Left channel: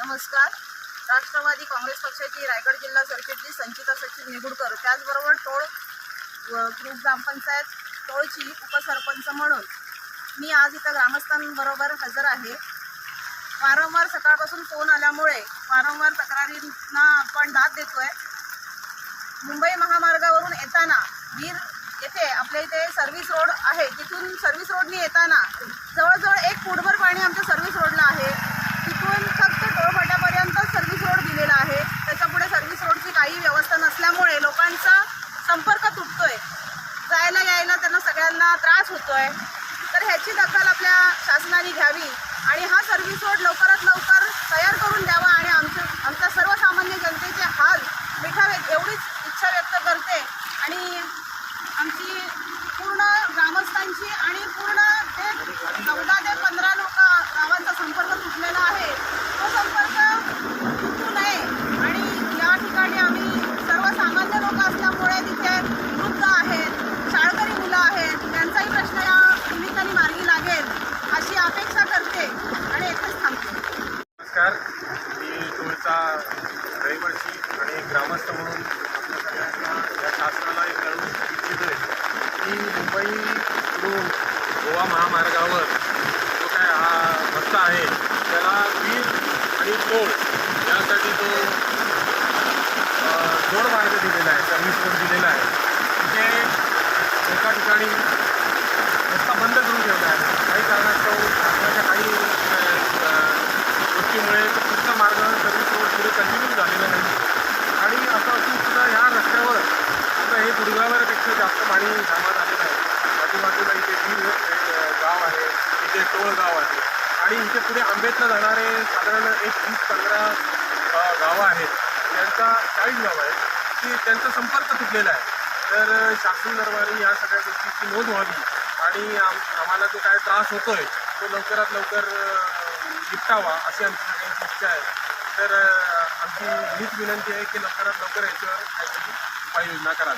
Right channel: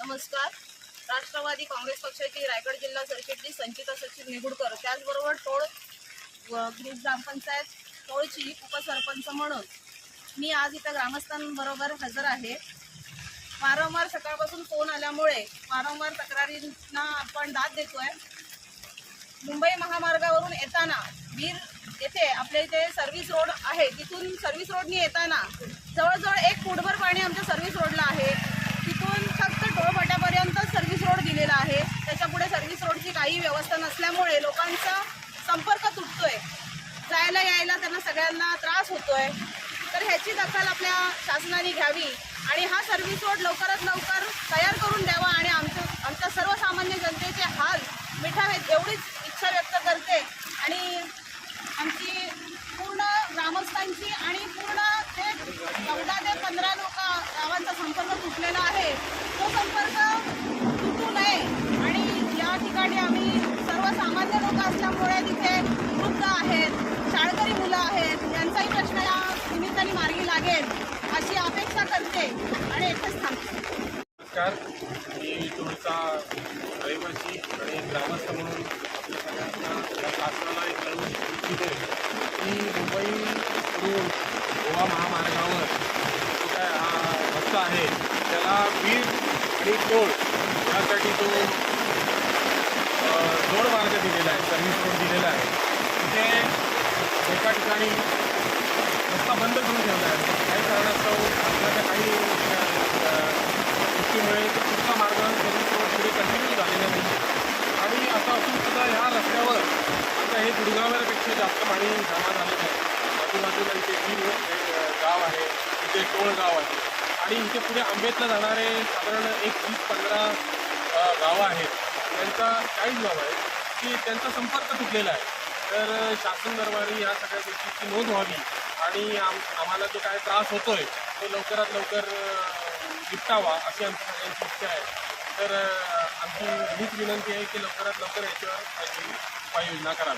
नमस्कार. राष्ट्रवादी काँग्रेस पक्षाची रायगड जिल्हा सरचिटणीस संचिता सचिव निगुडकर त्याचबरोबर टोळ ग्रुप ग्रामपंचायत टोळची उपसरपंच म्हणून मी आज इथं ग्रामस्थांबरोबर हजर आहे. वारंवार सकाळपासून फोन आल्यामुळे वारंवार तक्रारींना आपण दाद देतोय. मुंबई महामार्गावरून येताना वीर येथे आपल्या इथे सर्व्हिस रोड आहे. तिथून सर्व्हिस रोडनी येताना जवळजवळ एक फुटभर पाणी आमच्या सर्व्हिस रोडला आहे तिथून फक्त टोळफाट्यापर्यंत सर्व्हिस रोड दिलेला आहे त्याच्यापुढे सर्व्हिस रोडची काही व्यवस्था नसल्यामुळे लोकांचा संपर्क तुटतोय जायला यायला त्यांना त्रास त्रास होतोय तर ह्याची दखल आपल्या शासनाने घ्यावी आणि हा सर्व्हिस रोड लवकरात लवकर तयार करून द्यावा आणि आमचं आमच्या सर्वसामान्य जनतेचे हाल मिठावेत एवढीच इच्छा व्यक्त करते. आणि आमची आहेत तुम्ही प्रश्नाला निमित्ताने मार्गी लागेल अशी अपेक्षा करते आणि येथेच थांबते. नमस्कार. मी तुळचा रहिवासी आणि ग्रामस्थ म्हणून आपल्या सगळ्यांना या शासनाला एक कळवू इच्छितोय की मुंबईकडून गोवा महामार्गावर जो काय हा रस्ता आहे त्याला वीर आणि टोळ यासाठी तो जोड मार्ग दिलेला आहे सर्व्हिस रोड दिलेला आहे. तिथे एका ठिकाणी रस्ता बंद करून ठेवला आहे काही कारणास्तव शासनाच्या काही अ, गोष्टीमुळे तो पुढचा मार्ग सर्व्हिस रोड पुढे कंटिन्यू झालेला नाही आणि असं असून सुद्धा ह्या रस्त्यावर आणि दुर्गावरपेक्षा जास्त पाणी जमा झालेलं आहे. पाठीमागेला इथे गाव आहे. इथे टोळ गाव आहे. आणि इथे पुढे आंबेतला जाणारे साधारण एक वीस पंधरा गावं आहेत. त्यांचा चाळीस गावं आहेत. की त्यांचा संपर्क तुटलेला आहे. तर शासन दरबारी या सगळ्या गोष्टीची नोंद व्हावी. आणि आम आम्हाला जो काय त्रास होतोय तो लवकरात लवकर निपटावा अशी आमची सगळ्यांची इच्छा आहे. तर आमची हीच विनंती आहे की लवकरात लवकर याच्यावर काहीतरी payı ne kadar?